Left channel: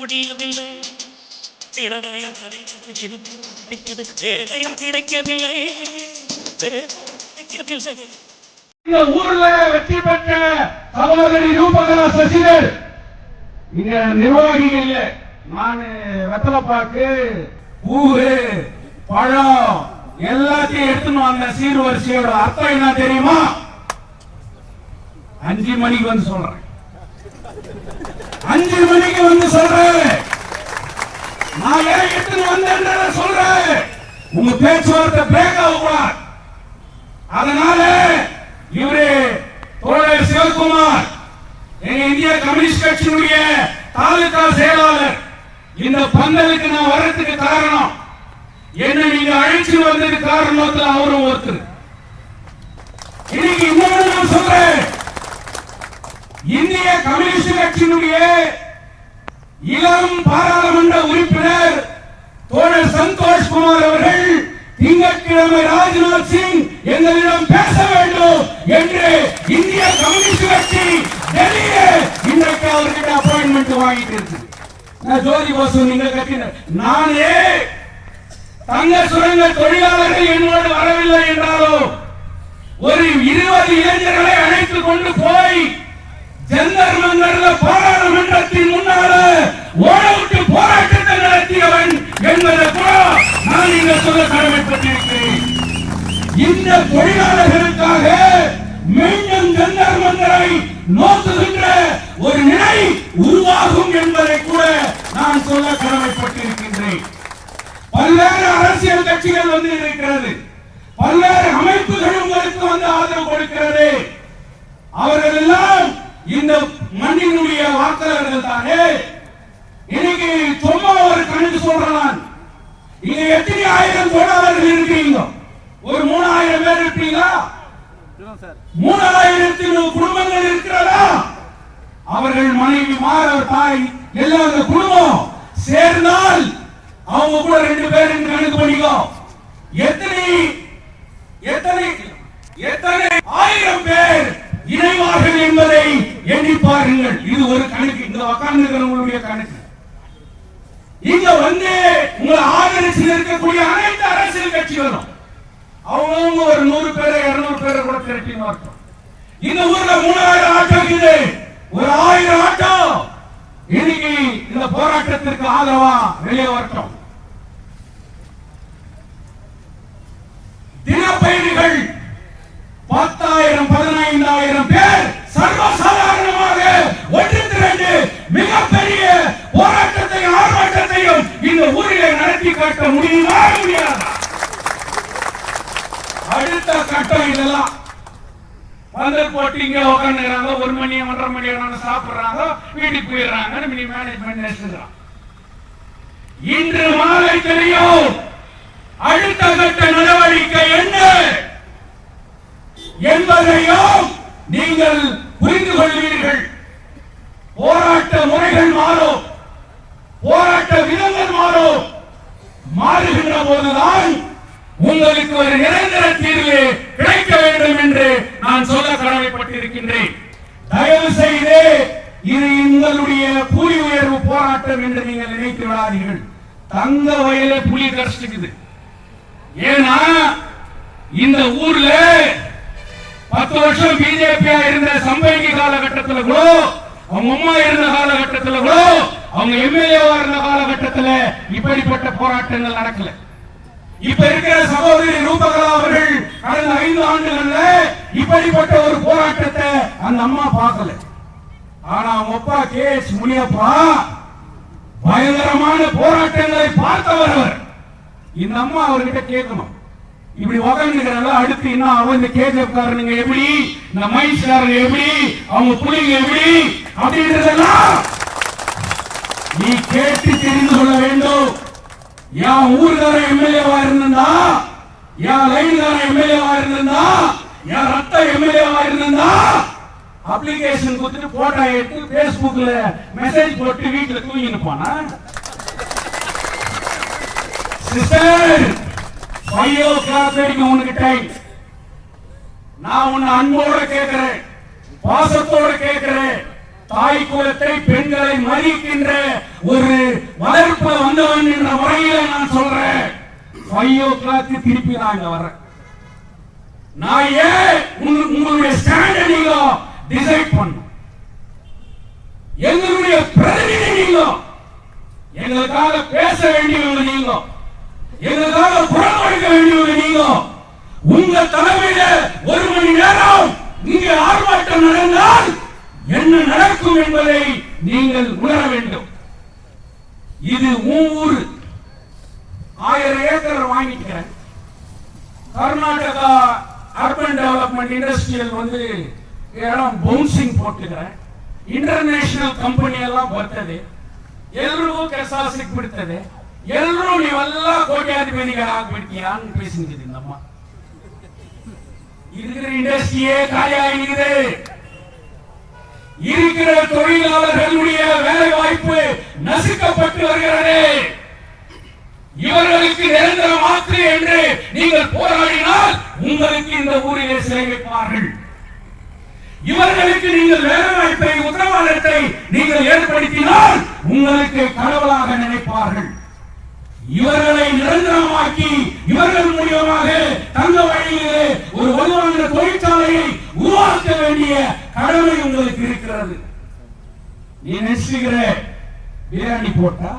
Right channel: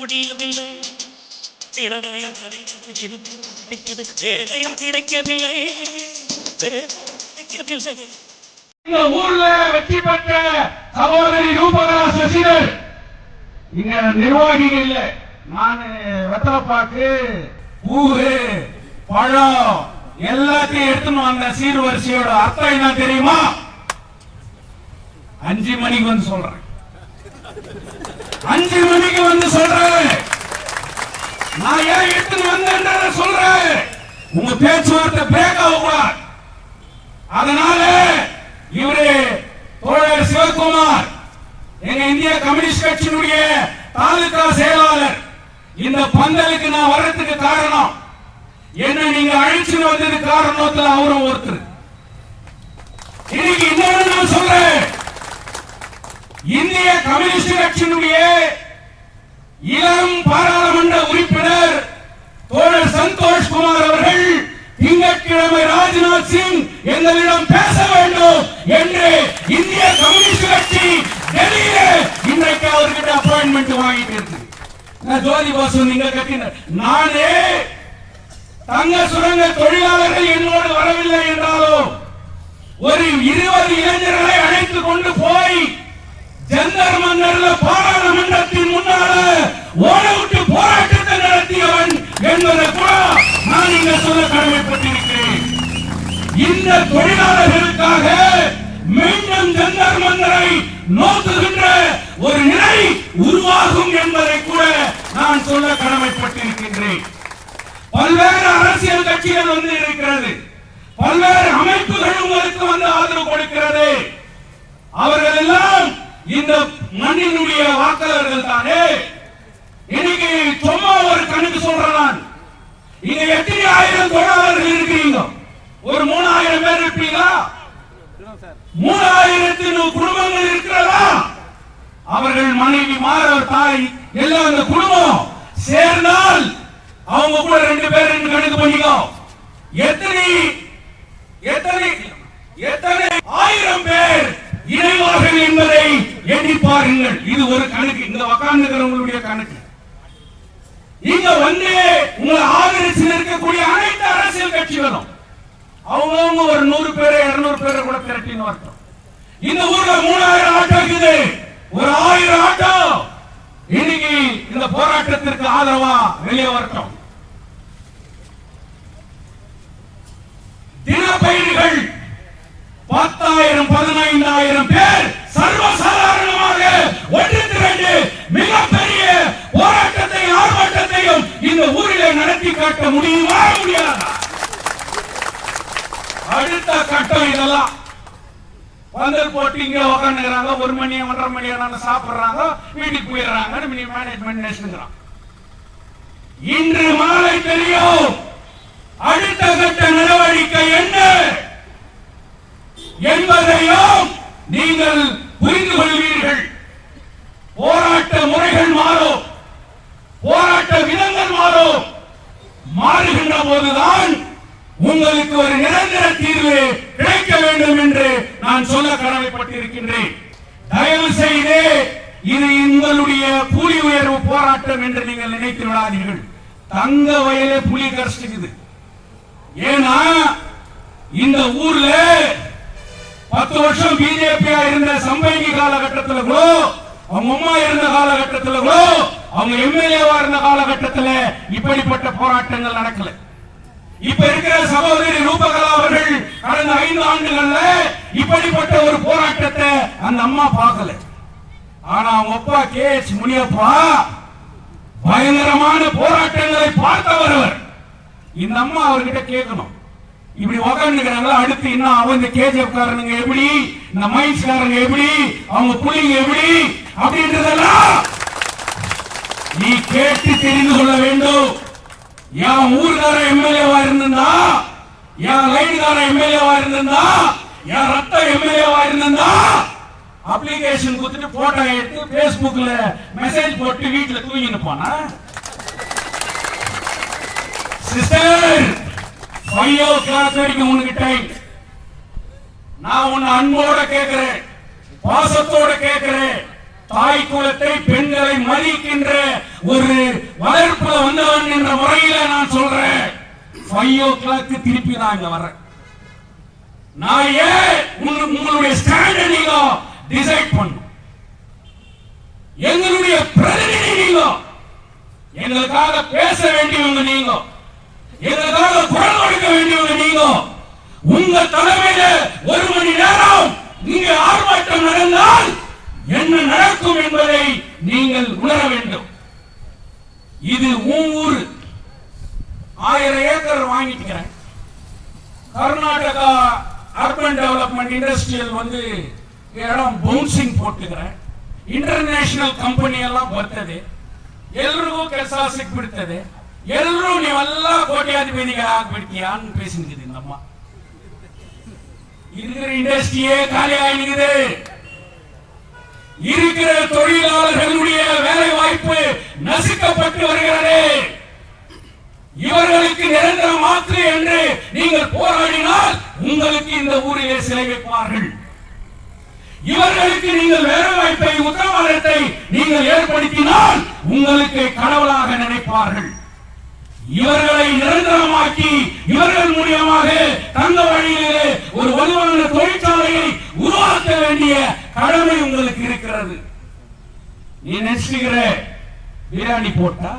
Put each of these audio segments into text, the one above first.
முடியவில்லை கிடைக்கவில்லை. ஊர்ல வெற்றி பெற்ற சகோதரி ரூபகலா சசிகள் இங்க நிர்வாகிகள் இல்ல. நான் வெத்தலைப்பாக்கு பூவு பழம் எல்லாத்தையும் எடுத்துன்னு வந்த சீர்வரிசையோட அர்த்தம் என்ன தெரியுமா? 5 மணிக்கு வந்து சொல்றேன். 5 மணிக்கு வந்து சொல்றேன். நான் ஏன் எடுத்துன்னு வந்தேன்றத சொல்றேன். உங்க பேச்சுவார்த்தை பிரேக் ஆகுவார். அதனால இவரே தோழர் சிவகுமார் எங்க இந்திய கம்யூனிஸ்ட் கட்சியினுடைய தாலுகா செயலாளர். இந்த பந்தலுக்கு நான் வர்றதுக்கு காரணம் என்ன, நீங்க அழைச்சு வந்ததுக்கு காரணத்தில் அவரும் ஒருத்தர். இன்னைக்கு இன்னொரு நான் சொல்றேன், இந்திய கம்யூனிஸ்ட் கட்சியினுடைய இளம் பாராளுமன்ற உறுப்பினர் தோழர் சந்தோஷ் குமார் அவர்கள் திங்கட்கிழமை ராஜ்நாத் சிங் எங்களிடம் பேச வேண்டும் என்று இந்திய கம்யூனிஸ்ட் கட்சி டெல்லியிலே இன்றைக்கு அவர்கிட்ட அப்பாயின்மெண்ட் வாங்கிட்டு இருக்கு. ஜோதி பாசு நீங்க கட்டின நானே தங்க சுரங்க தொழிலாளர்கள் என்னோடு வரவில்லை என்றாலும் ஒரு 20 இளைஞர்களை அழைத்துக் கொண்டு போய் ஜந்தர் மந்தர்ல பாராளுமன்றத்தின் முன்னால ஓடவுட்டு போராட்டத்தை நடத்தியவன் என்பதை கூட நான் இங்க சொல்ல கடமைப்பட்டிருக்கிறேன். இந்த தொழிலாளர்களுக்காக மீண்டும் ஜந்தர் மந்தரை நோக்குகின்ற ஒரு நிலை உருவாகும் என்பதை கூட நான் சொல்ல கடமைப்பட்டிருக்கின்றேன். பல்வேறு அரசியல் கட்சிகள் வந்து இருக்கிறது, பல்வேறு அமைப்புகள் உங்களுக்கு வந்து ஆதரவு கொடுக்கிறது. அவர்கள் எல்லாம் இந்த மண்ணினுடைய வாக்காளர்கள் தானே. இன்னைக்கு சும்மா ஒரு கணக்கு சொல்றேன், இங்க எத்தனை ஆயிரம் தொழிலாளர்கள் இருக்கிறீங்க? ஒரு 3000 பேர் இருப்பீங்களா? 3000 குடும்பங்கள் இருக்கிறதா? அவர்கள் மனைவி மாற தாய் எல்லாம் அந்த குடும்பம் சேர்ந்தால் அவங்க கூட 2 பேர் என்று கணக்கு பண்ணிக்கோ. எத்தனை ஆயிரம் பேர் இணைவார்கள் என்பதை எண்ணி பாருங்கள். இது ஒரு கணக்கு, இந்த உட்கார்ந்து கணக்கு. இங்க வந்து உங்களை ஆதரிச்சு இருக்கக்கூடிய அனைத்து அரசியல் கட்சிகளும் அவங்க ஒரு 100 பேரை 200 பேரை கூட திரட்டின்னு வரட்டும். இந்த ஊர்ல 3000 ஆட்டோ இருக்குது, ஒரு 1000 ஆட்டோ இன்னைக்கு இந்த போராட்டத்திற்கு ஆதரவா வெளியே வரட்டும். தினப்பயணிகள் 10,000 15,000 பேர் சர்வசாதாரணமாக ஒன்று திரண்டு மிகப்பெரிய போராட்டத்தை ஆர்ப்பாட்டத்தையும் இந்த ஊரிலே நடத்தி காட்ட முடியுமா முடியாதா? அடுத்த கட்டம் இதெல்லாம் பந்தல் போட்டு இங்க உட்காந்துறாங்க, 1 மணி 1.5 மணி நேரம் சாப்பிடுறாங்க, வீட்டுக்கு போயிடுறாங்க. மேனேஜ்மெண்ட் இன்று மாலை தெரியும் அடுத்த கட்ட நடவடிக்கை என்ன என்பதையும் நீங்கள் புரிந்து கொள்வீர்கள். போராட்ட முறைகள் மாறும், போராட்ட விதங்கள் மாறும். மாறுகின்ற போதுதான் உங்களுக்கு ஒரு நிரந்தர தீர்வு கிடைக்க வேண்டும் என்று நான் சொல்ல கடமைப்பட்டிருக்கின்றேன். தயவு செய்து இது உங்களுடைய புலி உயர்வு போராட்டம் என்று நீங்கள் நினைத்து விடாதீர்கள். தங்க வயல புலி கஷ்டிக்குது. ஏன்னா இந்த ஊர்ல 10 வருஷம் பிஜேபியா இருந்த சம்பைக்கு காலகட்டத்தில் கூட, அவங்க அம்மா இருந்த காலகட்டத்தில் கூட, அவங்க எம்எல்ஏவா இருந்த காலகட்டத்தில் இப்படிப்பட்ட போராட்டங்கள் நடக்கல. இப்ப இருக்கிற சகோதரி ரூபகலா அவர்கள் கடந்த 5 ஆண்டுகள்ல இப்படிப்பட்ட ஒரு போராட்டத்தை அந்த அம்மா பார்க்கல. ஆனா அவங்க அப்பா கே.எச். முனியப்பா பயங்கரமான போராட்டங்களை பார்த்தவர் அவர். இந்த அம்மா அவர்கிட்ட கேட்கணும், இப்படி உட்காந்துக்கிறாங்க, அடுத்து என்ன அவன் இந்த கேஜிஎஃப் காரனுங்க எப்படி, இந்த மைன்ஸ் காரன் எப்படி, அவங்க புள்ளிங்க எப்படி அப்படின்றதெல்லாம் நீ கேட்டு தெரிந்து கொள்ள வேண்டும். என் ஊர்கார எம்எல்ஏவா இருந்தா, என் லைன்கார எம்எல்ஏவா இருந்தா, என் ரத்த எம்எல்ஏவா இருந்தா அப்ளிகேஷன் கொடுத்து போட்டோ எடுத்து பேஸ்புக்ல மெசேஜ் போட்டு வீட்டுல தூங்கி இருப்பானா? சிஸ்டர் 5 o'clock வரைக்கும் உனக்கு டைம். நான் உன்னை அன்போட கேட்கிறேன், பாசத்தோட கேட்கிறேன். தாய் குலத்தை, பெண்களை மதிக்கின்ற ஒரு வளர்ப்புல வந்தவன் என்ற முறையில நான் சொல்றேன். 5 o'clock திருப்பி நான் இங்க வரேன். நான் ஏன் உங்களுடைய ஸ்டாண்ட நீங்க டிசைட் பண்ணு. எங்களுடைய பிரதிநிதி நீங்க, எங்களுக்காக பேச வேண்டியவங்க நீங்க, எங்களுக்காக குரல் கொடுக்க வேண்டியவங்க நீங்க. உங்க தலைமையில 1 மணி நேரம் இங்கே ஆர்ப்பாட்டம் நடந்தால் என்ன நடக்கும் என்பதை நீங்கள் உணர வேண்டும். இது ஊர் 1000 ஏக்கர் வாங்கிட்டேன். கர்நாடகா அர்பன் டெவலப்மெண்ட் இண்டஸ்ட்ரியல் வந்து இடம் ಬೌನ್ಸಿಂಗ್ போட்டுக்கிறேன். ಇಂಟರ್ನ್ಯಾಷನಲ್ ಕಂಪನಿ ಎಲ್ಲ ಬರ್ತದೆ, ಎಲ್ಲರಿಗೂ ಕೆಲಸ ಸಿಕ್ಬಿಡ್ತದೆ, ಎಲ್ಲರೂ ನೀವೆಲ್ಲ ಕೋಟ್ಯಾಧಿಪತಿಗಳಾಗ್ಬಿಡ್ತೀಯ ಅಂತ பேசிட்டு நம்ம இருக்கிற இண்டஸ்ட்ரியே காலியாகிறது. இருக்கிற தொழிலாளர்களுடைய வேலை வாய்ப்பு நசுக்கப்பட்டு வருகிறது. இவர்களுக்கு நிரந்தர மாற்று என்று நீங்கள் போராடினால் உங்களுக்கு இந்த ஊரிலே சிலை வைப்பார்கள். இவர்களுக்கு நீங்கள் வேலை வாய்ப்பை, உத்தரவாதத்தை நீங்கள் ஏற்படுத்தினால் உங்களுக்கு கடவுளாக நினைப்பார்கள். இவர்களை நிரந்தரமாக்கி இவர்கள் மூலமாக தங்க வழியிலே ஒரு வலுவான தொழிற்சாலையை உருவாக்க வேண்டிய கடமை உங்களுக்கு இருக்கிறது. நீ நினைச்சுக்கிற பிரியாணி போட்டா,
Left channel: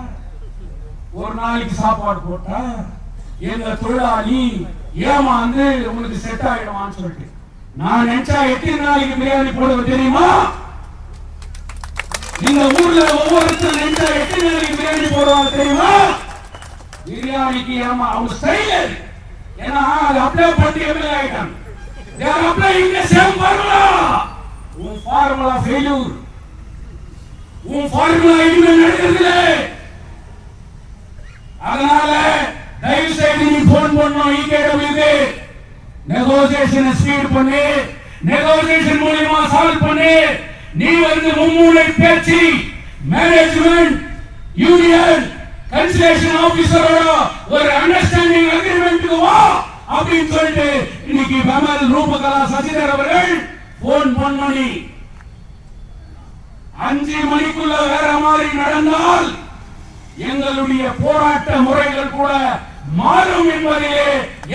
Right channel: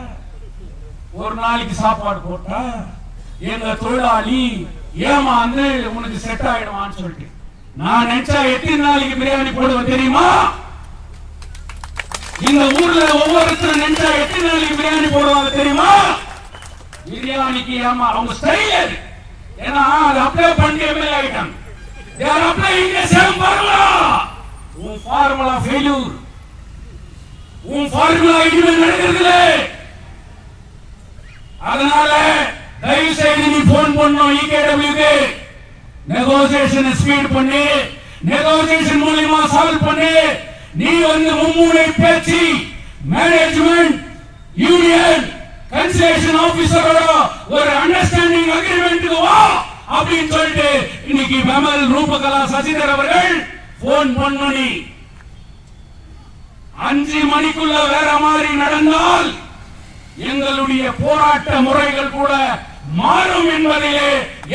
ஒரு நாளைக்கு சாப்பாடு போட்டா, எங்க தொழிலாளி ஏமாந்து உனக்கு செட் ஆயிடுவான்னு சொல்லிட்டு நான் நினைச்சா எத்தனை நாளைக்கு பிரியாணி போடுவது தெரியுமா? இந்த ஊர்ல ஒவ்வொருத்தரும் நினைச்சா எத்தனை நாளைக்கு பிரியாணி போடுவாங்க தெரியுமா? பிரியாணிக்கு ஆமா அவங்க ஸ்டைல் அது. ஏன்னா அது அப்ளை பண்ணி எம்எல்ஏ ஆயிட்டாங்க. யார் அப்ளை இந்த சேம் ஃபார்முலா. உன் ஃபார்முலா ஃபெயிலியர். உன் ஃபார்முலா இனிமே நடக்கிறதில்ல. அதனால தயவு செய்து நீ போன் பண்ணணும் இகேடபிள்யூக்கு. நெகோசியேஷன் ஸ்பீட் பண்ணி, நெகோசியேஷன் மூலமா சால்வ் பண்ணி, நீ வந்து மும்முனை பேச்சு மேனேஜ்மெண்ட் யூனியன் கன்சலேஷன் ஆபீசரோட ஒரு அண்டர்ஸ்டாண்டிங் அக்ரிமெண்ட்க்கு வா அப்படின்னு சொல்லிட்டு இன்னைக்கு பெமல் ரூபகலா சசிதர் அவர்கள் போன் பண்ணி 5 மணிக்குள்ள வேற மாதிரி நடந்தால் எங்களுடைய போராட்ட முறைகள் கூட மாறும் என்பதிலே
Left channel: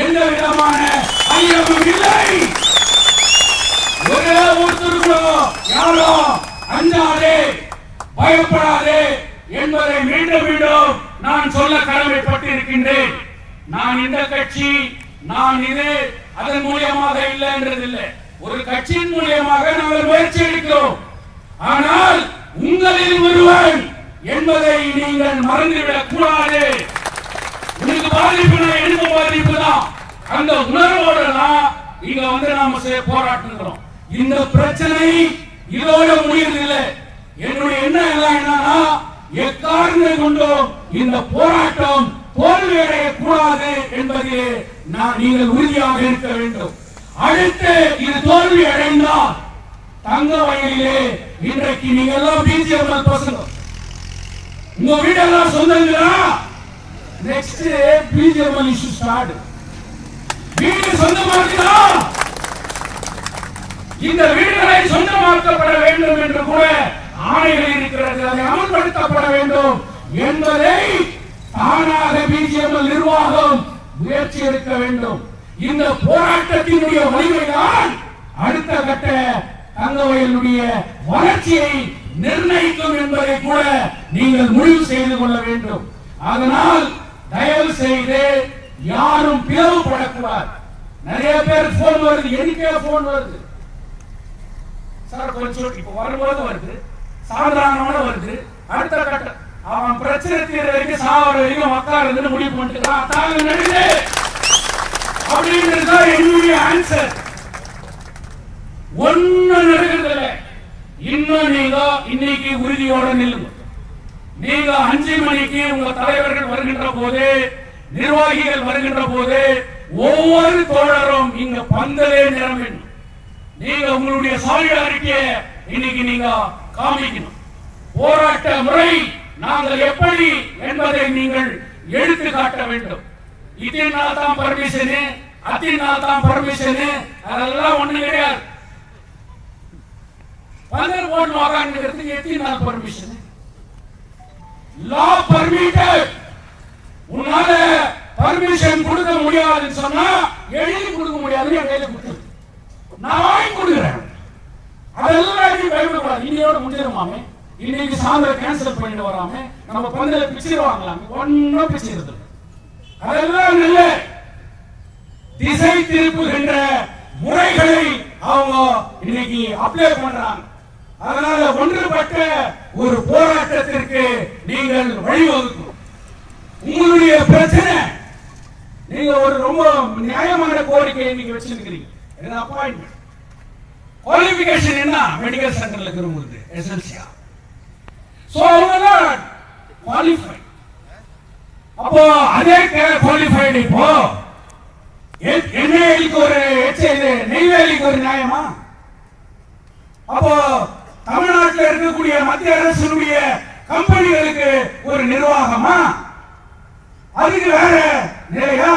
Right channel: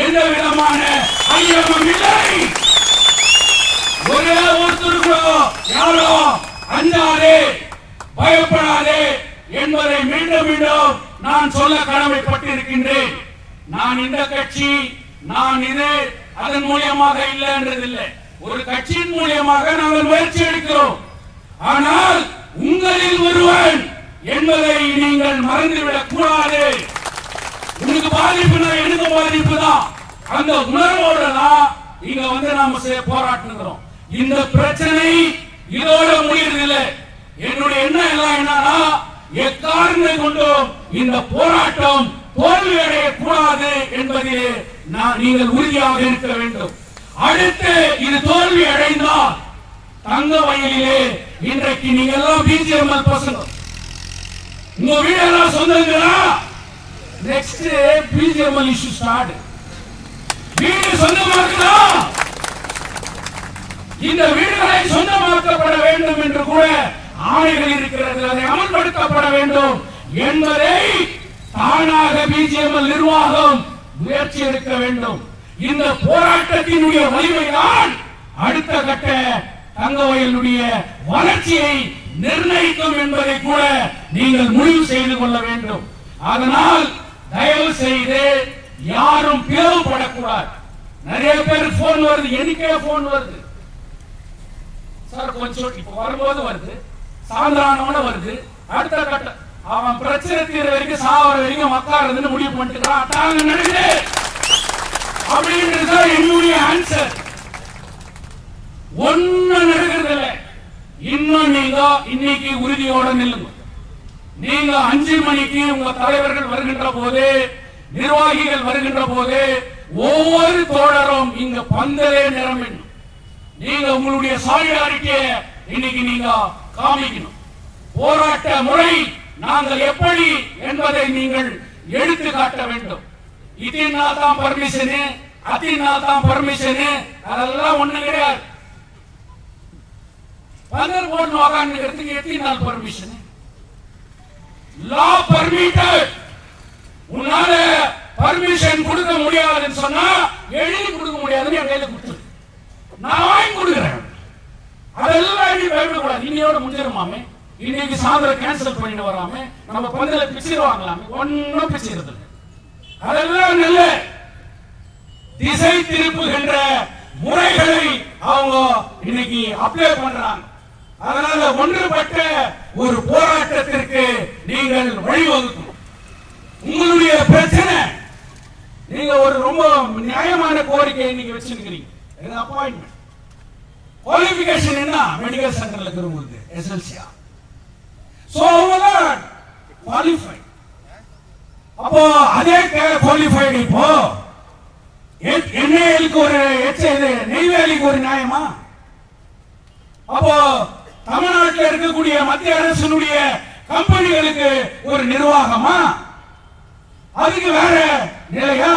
எந்த விதமான ஐயமும் இல்லை. ஒரே ஒருத்தருக்கோ யாரோ அஞ்சாதே, பயப்படாதே என்பதை மீண்டும் மீண்டும் நான் சொல்ல கடமைப்பட்டிருக்கின்றேன். நான் இந்த கட்சி, நான் இது அதன் மூலமாக இல்லை என்றதில்லை. ஒரு கட்சியின் மூலமாக நாங்கள் முயற்சி எடுக்கிறோம். ஆனால் உங்களில் ஒருவன் என்பதை நீங்கள் மறந்துவிடக் கூடாது. உங்களுக்கு பாதிப்புனா எனக்கு பாதிப்பு தான். அந்த உணர்வோட தான் இங்க வந்து நாம போராட்டுகிறோம். இந்த பிரச்சனை இதோட முடியவில்லை. என்னுடைய எண்ணம் எல்லாம் என்னன்னா, எக்காரணம் கொண்டும் இந்த போராட்டம் தோல்வியடைய கூடாது என்பதிலே நீங்கள் உறுதியாக இருக்க வேண்டும். அடுத்து இது தோல்வி அடைந்தால் தங்க வயலிலே இன்றைக்கு நீங்க எல்லாம் பிஜிஎம்எல் பசங்க, உங்க வீடெல்லாம் சொந்தங்களா? Next BGML issue start. வீடு சொந்தமாக்குதா? இந்த வீடுகளை சொந்தமாக்கப்பட வேண்டும் என்று கூட ஆணைகள் இருக்கிறது. அதை அமல்படுத்தப்பட வேண்டும் என்பதை தானாக பிஜிஎம்எல் நிர்வாகம் முயற்சி எடுக்க வேண்டும். இந்த போராட்டத்தினுடைய வலிமைதான் அடுத்த கட்ட தங்கவயலுடைய வளர்ச்சியை நிர்ணயிக்கும் என்பதை கூட நீங்கள் முடிவு செய்து கொள்ள வேண்டும். அதனால் தயவு செய்து யாரும் பிளவுபடக்கூடாது. நிறைய பேர் போன் வருது, எனக்கே போன் வருது, சார் கொஞ்சம் இப்ப வரும்போது வருது, சாதாரணமான வருது, அடுத்த கட்ட அவன் பிரச்சனை தீர வரைக்கும் சாவர வரைக்கும் உட்காருன்னு முடிவு பண்ணிட்டு தாங்க நடுவே அப்படின்றதுதான் என்னுடைய ஆன்சர். ஒண்ணு நடக்கிறது இல்லை. இன்னும் நீங்க இன்னைக்கு உறுதியோட நில்லுங்க. நீங்க 5 மணிக்கு உங்க தலைவர்கள் வருகின்ற போது, நிர்வாகிகள் வருகின்ற போது ஒவ்வொரு தோழரும் இங்க பந்தலே நிரம்பிடும். நீங்க உங்களுடைய சாலியாரிட்டியை இன்னைக்கு நீங்க காமிக்கணும். போராட்ட முறை நாங்கள் எப்படி என்பதை நீங்கள் எடுத்து காட்ட வேண்டும். இதனால் தான் பர்மிஷனு, அதனால் தான் பர்மிஷனு, அதெல்லாம் ஒண்ணு கிடையாது. 15 ஓட்டு வாங்கிறதுக்கு எத்தனை பர்மிஷன்? லா பர்மிட்டட். உன்னால பர்மிஷன் கொடுக்க முடியாதுன்னு சொன்னா எழுதி கொடுக்க முடியாதுன்னு எழுதி கொடுத்து நான் வாங்கி கொடுக்குறேன். அதெல்லாம் எழுதி பயப்படக்கூடாது. இன்னையோட முடிஞ்சிருமாமே, இன்னைக்கு சாயந்தரம் கேன்சல் பண்ணிட்டு வராம நம்ம பந்தல பிச்சு வாங்கலாம், ஒன்னும் பிச்சு. அதெல்லாம் நல்ல திசை திருப்புகின்ற முறைகளை அவங்க இன்னைக்கு அப்ளை பண்றாங்க. அதனால ஒன்றுபட்ட ஒரு போராட்டத்திற்கு நீங்கள் வழிவகுக்கும். உங்களுடைய பிரச்சனை, நீங்க ஒரு ரொம்ப நியாயமான கோரிக்கை இன்னைக்கு வச்சிருக்கிறீங்க. அப்பாயின்மெண்ட் குவாலிஃபிகேஷன் என்ன? மெடிக்கல் சென்டர்ல இருக்கிறவங்களுக்கு எஸ்எல்சியா. சோ அவங்கதான் குவாலிஃபை. அப்போ அதே குவாலிஃபைடு இப்போ எண்ணெய்க்கு ஒரு நெய்வேலிக்கு ஒரு நியாயமா? அப்போ தமிழ்நாட்டில் இருக்கக்கூடிய மத்திய அரசினுடைய கம்பெனிகளுக்கு ஒரு நிர்வாகமா? அதுக்கு வேற நிலையா?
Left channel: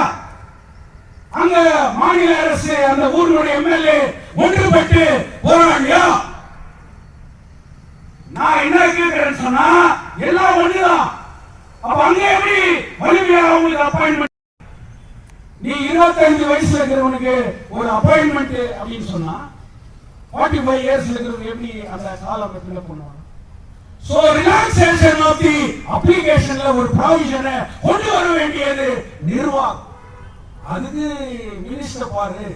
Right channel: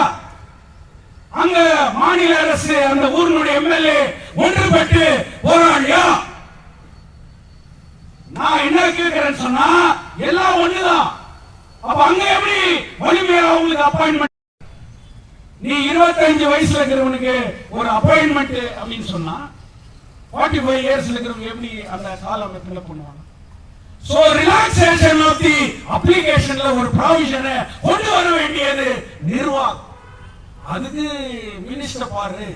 அங்க மாநில அரசு அந்த ஊருடைய எம்எல்ஏ ஒன்றுபட்டு போராடியா? நான் என்ன கேட்கிறேன்னு சொன்னா எல்லாம் ஒண்ணுதான். அப்ப அங்க எப்படி வலிமையா அவங்களுக்கு அப்பாயின்மெண்ட்? நீ 25 வயசுல இருக்கிறவனுக்கு ஒரு அப்பாயின்மெண்ட் அப்படின்னு சொன்னா 45 இயர்ஸ்ல இருக்கிறவங்க எப்படி அந்த காலகட்டத்துல பண்ணுவாங்க? சோ ரிலாக்சேஷன் ஆஃப் தி அப்ளிகேஷன்ல ஒரு ப்ரொவிஷனை கொண்டு வர வேண்டியது நிர்வாகம். அதுக்கு மினிஸ்டர் பாரு,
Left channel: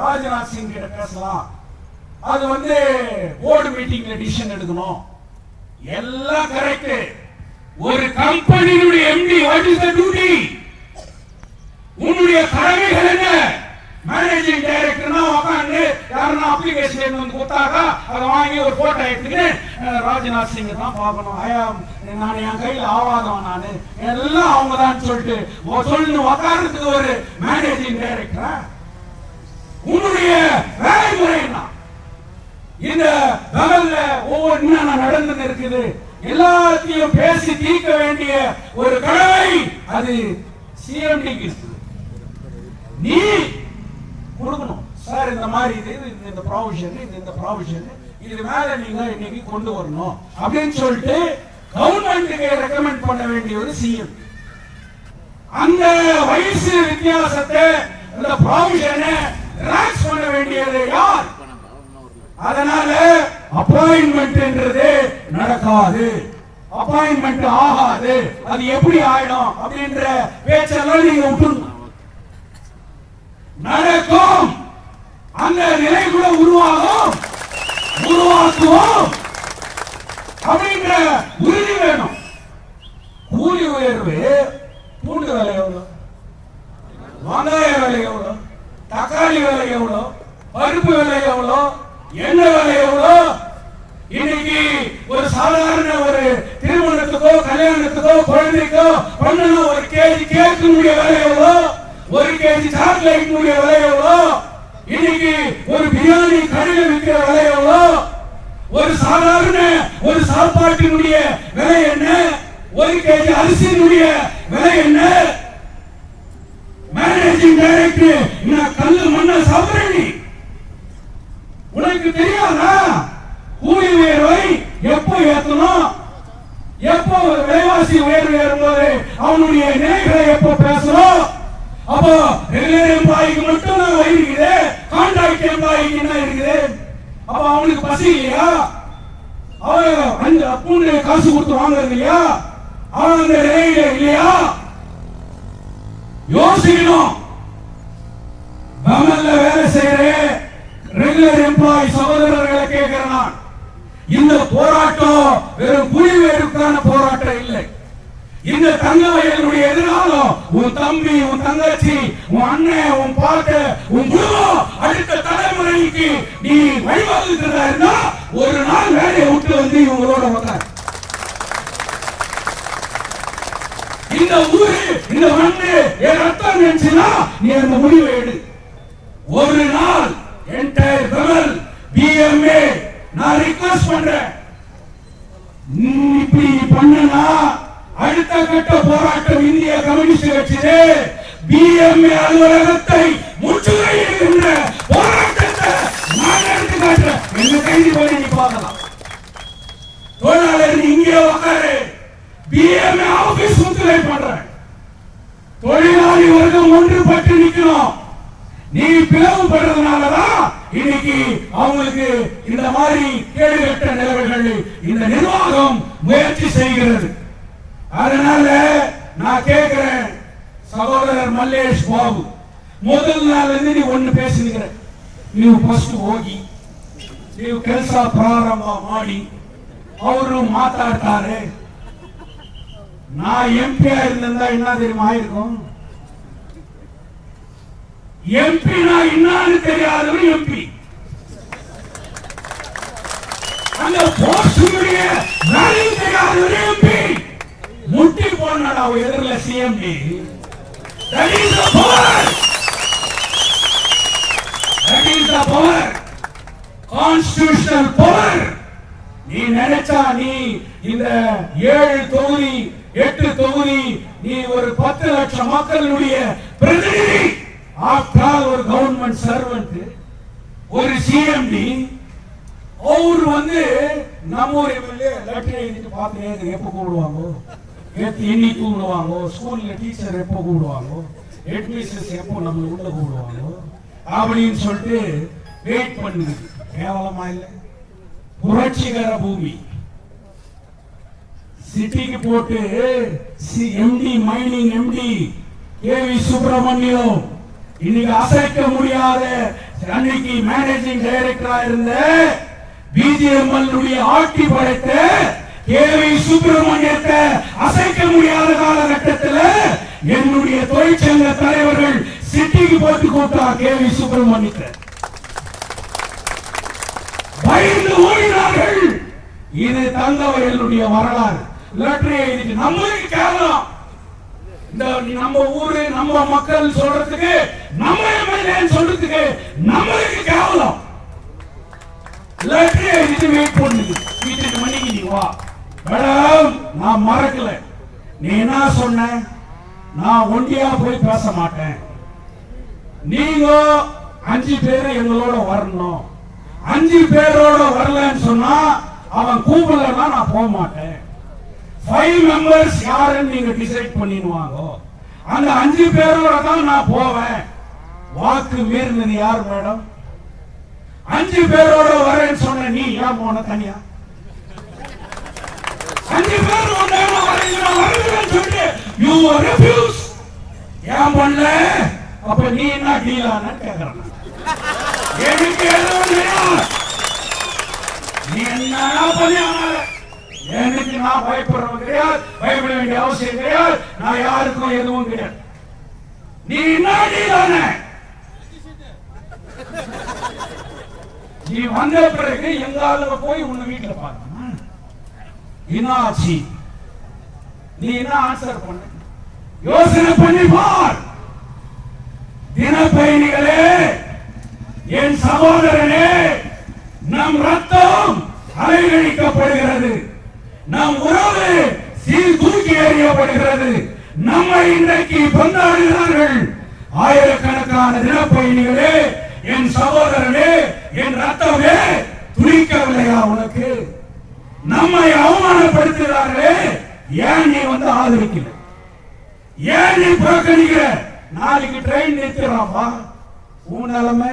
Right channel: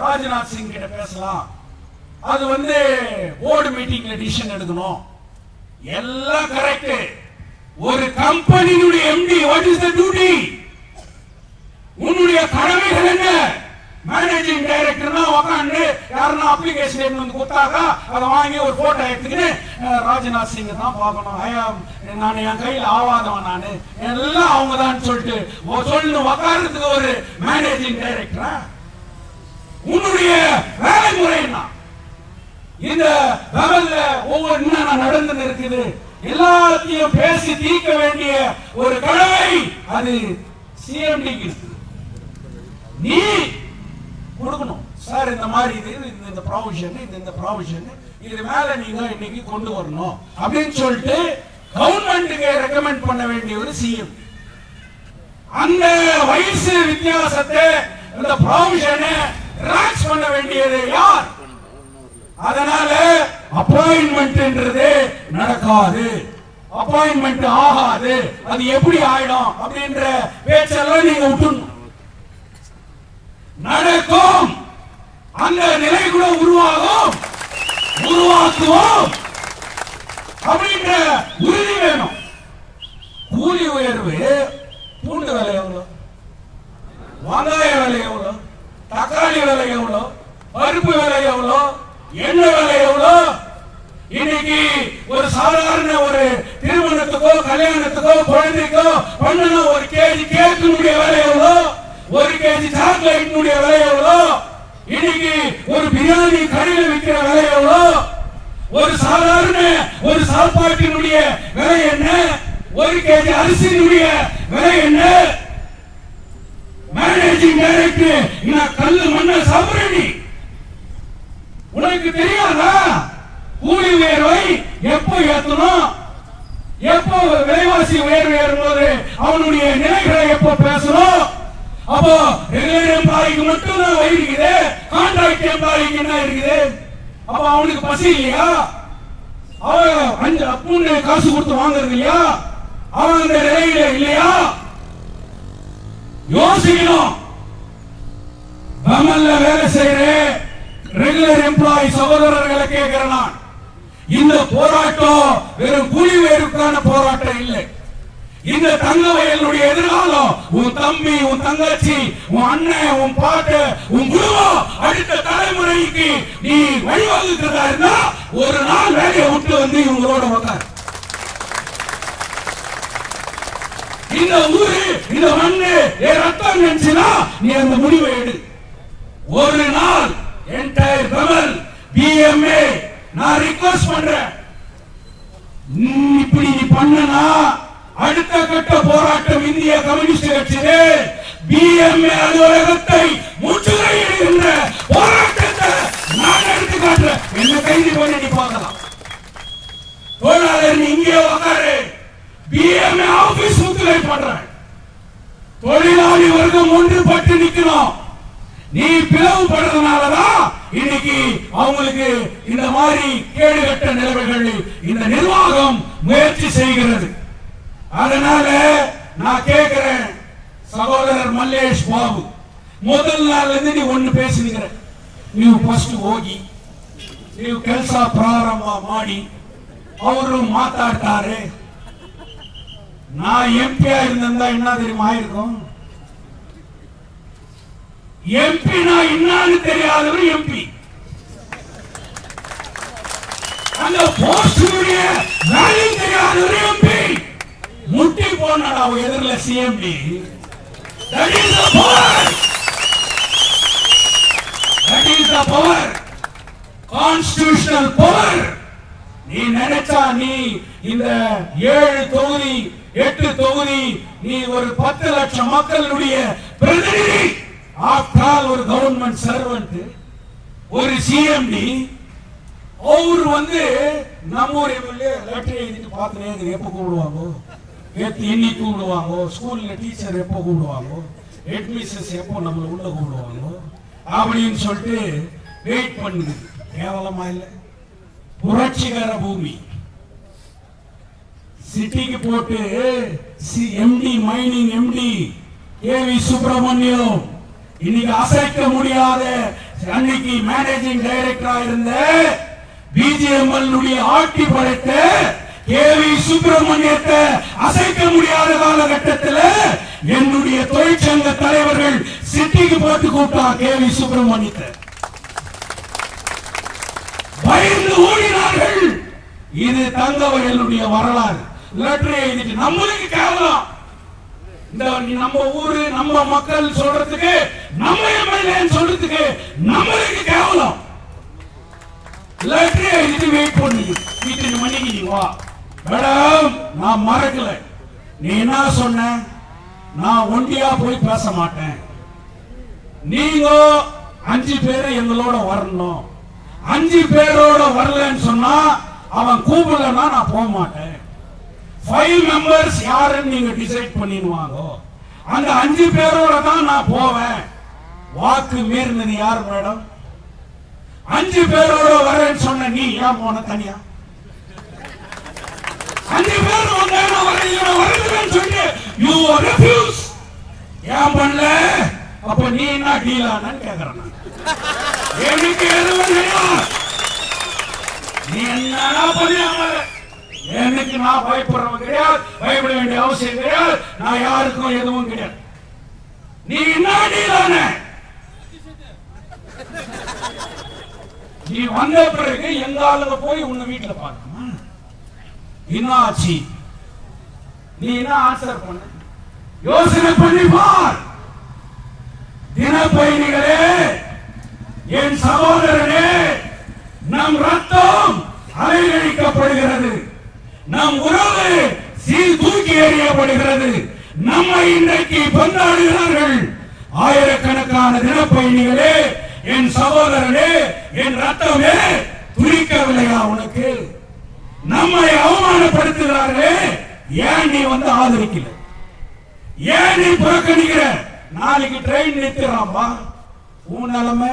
ராஜ்நாத் சிங் கிட்ட பேசலாம். அது போர்டு மீட்டிங்ல டிசிஷன் எடுக்கணும். எல்லாம் கரெக்ட். ஒரு கம்பெனியுடைய MD what is the duty? உன்னுடைய கடமைகள் என்ன? மேனேஜிங் டைரக்டர்னா உட்கார்ந்து யாரனா அப்ளிகேஷன் கொடுத்தாங்க, அதை வாங்கி ஒரு போட்டோ எடுத்துட்டு ராஜ்நாத் சிங் தான் பார்க்கணும், நான் என் கையில் ஆவாதவன், நான் எல்லாம் அவங்க தான் சொல்லிட்டு உட்கார்ந்து ஒரு மேனேஜிங் டைரக்டரா? உன்னுடைய வேலை முறை என்ன? இந்த லெவல்ல ஒவ்வொரு என்ன நடந்து இருக்குது எல்லாத்தையும் பேசி தீர்க்க வேண்டிய ஒரு கடமை அது சிஎம்டிக்கு இருக்குது. நீ கொடுக்கணும் சார், இந்த மாதிரி இந்த ப்ரொவிஷன், இந்த ப்ரொவிஷன் இது மேல நீங்க இன்னைக்கு கொண்டு வரணும் அப்படின்னு சொல்லிட்டு கவர்மெண்ட்டுக்கு ரெக்கமெண்ட் பண்ண வேண்டிய ஒரு சிஎம். அந்த வயசு வித்தியாசத்தை, அந்த ப்ரொவிஷனை ரிலாக்ஸ் பண்ண வேண்டியது யார்? அதனால அப்பாயின்மெண்ட்ன்றது நடக்காது, அப்பாயின்மெண்ட் ஆகாது. அது எப்படி ஆயிடும் அப்படின்ற பேச்செல்லாம் நீங்க விட்டுணும். நடக்கும், அந்த நிலை கூட உருவாக்குவோம் அப்படின்ற உறுதி வேணும். கூலி உயர்வு, பூண்டு விலை எவ்வளவு, வெங்காய விலை எவ்வளவு, தக்காளி விலை எவ்வளவு, பருப்பு விலை எவ்வளவு, எண்ணெய் விலை எவ்வளவு? இன்னைக்கு ஒரு சாதாரண ஒரு திருமணத்துக்கோ கல்யாணத்துக்கோ குழந்தைக்கோ பண்ணன ஒரு கேஜி கேக்கினுடைய விலை எவ்வளோ, ஒரு கேஜி சாக்லேட்டினுடைய விலை எவ்வளோ, இன்னைக்கு ஒரு பிரியாணி கடையில் விற்கிற விலை எவ்வளோ, ஒரு சாதாரண ஒரு சாப்பாட்டினுடைய விலை என்ன, ஒரு கேஜி அரிசியினுடைய விலை என்ன? மேனேஜிங் டைரக்டர் நான் கல்லு மண்ண சாப்பிடுறேன், உனக்கு தெரியாதா? கூலி உயர்வை எப்போ ஏற்றணும், எப்போ விலைவாசி உயர்வு ஏறும்போது அவனுடைய நிலைகளை எப்போ பேசணும், அப்போ ரெகுலர் எம்ப்ளாய்க்கு மட்டும் தான் வயிறு இருக்குது, கான்ட்ராக்ட் எம்ப்ளாய்க்கு என்ன இருக்குது? அப்ப அவனுக்கு பசி இல்லையா? அவன் அப்புன்னு காசு கொடுத்து வாங்குறது இல்லையா? அவன் அந்த நிலையில இல்லையா? யோசிக்கணும். கவர்மெண்ட்ல வேலை செய்யற ரெகுலர் எம்ப்ளாயி சகோதரர்களை கேட்கிறேன், இந்த போராட்டம் வெறும் புலிவேருக்கான போராட்டம் இல்லை. இந்த தங்க வயலுடைய எதிராலும் உன் தம்பி, உன் தங்கச்சி, உன் அண்ணன், உன் பாட்டு, உன் குடும்பம், அடுத்த தலைமுறைக்கு நீ வழிவகுக்கிறதா இருந்தா ஒரு நாள் வேலையை விட்டு வந்து இவங்களோட வர. இந்த ஊரு, இந்த மண்ணு என் ரத்தம் நினைச்சுனா நீ அந்த முடிவை எடு. ஒரு நாள் என்டையர் கமல் பிஎம்ஏ நான் ரிக்வெஸ்ட் பண்றேன், இப்படி நீ பண்ணனா அடுத்த கட்ட போராட்டம் இந்திய கம்யூனிஸ்ட் கட்சியே பிஎம்ஏ அலுவலகத்தை முற்றுகையிடுகின்ற போராட்டத்தை நான் எடுத்து காட்டுறேன். என்ன கைது பண்ணி நீ பார்க்கலாம். தொழிலாளர் நீ இங்கே உட்காரு, பிஎம்ஏ ஆபீஸ் முற்றுகை பண்ற. தொழிலாளி வர்க்கம் ஒன்றுபட்டு நிக்கணும். நீ பிளவுபடுறதுனாலதான் இன்னைக்கு அவங்களுக்கு இந்த மாதிரி கேடுகட்ட நிலைமைகள் இந்த நிர்வாகம் முயற்சி செய்கிறது. அதனால நான் கேட்கிறேன் சகோதரர் மல்லேஷ் பாபு, முதல் நாள்ல இருந்து நீ ஒண்ணு பேசுகிற, ನೀವು ಫಸ್ಟ್ ಹೋಗಿ ನೀವು ಕೆಲಸ ಪ್ರಾರಂಭ ಮಾಡಿ ಅವರು ಮಾತಾಡ್ತಾರೆ. நான் எம்பி இருந்தா என்ன தெரியுமா ஆயிருக்கும்? எம்பி நான் என்னன்னு தெரியாதவர் எம்பி. அந்த போஸ்டுடைய வேலை தெரியாதவர் எம்பி. முட்டி போனா எதிரில CMD. That is the power. That is the power. Constitutional power. நீ நினைச்சா நீ இந்த 7 தொகுதி 8 தொகுதி நீ ஒரு 10 லட்சம் மக்களுடைய பிரதிநிதி. ஆஃப்டர் ஒரு கவர்மெண்ட் சர்வன்ட், ஒரு சிஎம்டி. அவர் வந்து நம்ம ஒரு எம்எல்ஏ லெட்டர் எழுதிட்டு பார்த்து எப்போ கூடுவாங்க, இன்னைக்கு கூடுவாங்க, ஸ்கூல்ல டீச்சர் எப்போ கூடுவாங்க, ஹெட்மிஸ்ட்ரஸ் எப்போ நம்ம உள்ள கூடுவாங்க அப்படின்னு சொல்லிட்டு வெயிட் பண்ணுது. கேவலமா இல்ல? புரட்சிகர பூமி சிட்டிக்கு போட்டு MD mining MD K V Subramaniam இன்னைக்கு அசைக்க முடியாத அன்னைக்கு மேனேஜிங் டைரக்டரா இருந்த பிஜிஎம்எல் ஆட்சி படைத்த கேவி சுப்பிரமணியத்தை அசைக்க முடியாத காலகட்டத்தில் என்னுடைய தொழிற்சங்க தலைவர்கள் சிட்டிக்கு போட்டு கூட்டார். கேவி சுப்பிரமணியத்தை பயந்து ஓடினார்கள். இது தங்கவயலுடைய வரலாறு. லெட்டர் எழுதி நம்மளுக்கு கேட்கலாம். இந்த நம்ம ஊரு நம்ம மக்கள் சொல்றதுக்கு, நம்ம எம்எல்ஏ சொல்றதுக்கு நம்மளுக்கு கேவலம். லெட்டர் எழுதி வெயிட் பண்ணுது. வீட்டுக்கு மணிக்கு நீ வா மேடம், நான் மறக்கல. நீ என்ன சொன்ன? நான் ஒண்டியா போய் பேச மாட்டேன், நீங்க 5 பேர் எங்களோட வரணும். 5 பேரோட வரலன்னு சொன்னா அவன் கூப்பிடலன்னா நான் போக மாட்டேன். 5 மெம்பர்ஸ் யாருன்னு நீங்க டிசைட் பண்ணிடுவாங்க. அந்த 5 பேரோட தான் நான் போவேன். வாக்கு மீறினது யார் மேடம்? 5 பேரோட வரேன்னு சொன்ன நீ யார் போன தனியா? 5 பேர் வந்தாங்க வரேன்னு சொல்லிட்டு யூ ரெஃப்யூஸ். ஏன் பண்ணல? அப்ப நீ என்ன டீலான்னு கேக்குறான். எனக்கு எதுவும் நீ என்ன பண்ணியாமல எனக்கு நான் பயப்படுறவன் கிடையாது, பயப்பட வேண்டிய அவசியம் கிடையாது. நான் யாருக்கும் எதுவும் கிடையாது. நீ என்ன டீலான? நீ வந்த பிறகு எங்காவது போய் உங்க வீட்டுல பார்க்கணும். என்னாச்சு? நீ என்ன ஆன்சர் பண்ண? யோசனை பண்ணி பார். தினப்பயணிகளே, என் சகோதரனே, நம் ரத்தம் அலைகழிக்கப்படுகிறது, நம் உறவு தூக்கி எறியப்படுகிறது. நம்மை இன்றைக்கு கொண்டாடுகிறார்கள் ஆயிரக்கணக்கான தினப்பயணிகளே. என் சகோதரனே, என் ரத்தமே துடிக்கவில்லையா உனக்கு? நம்மை அவமானப்படுத்துகிறார்களே, ஏன் நீ வந்து ஆதரிக்கிற? ஏன் நீ புறக்கணிக்கிற? நாளைக்கு ட்ரெயின் நிறுத்திடுறான்பா. உன் நிலைமை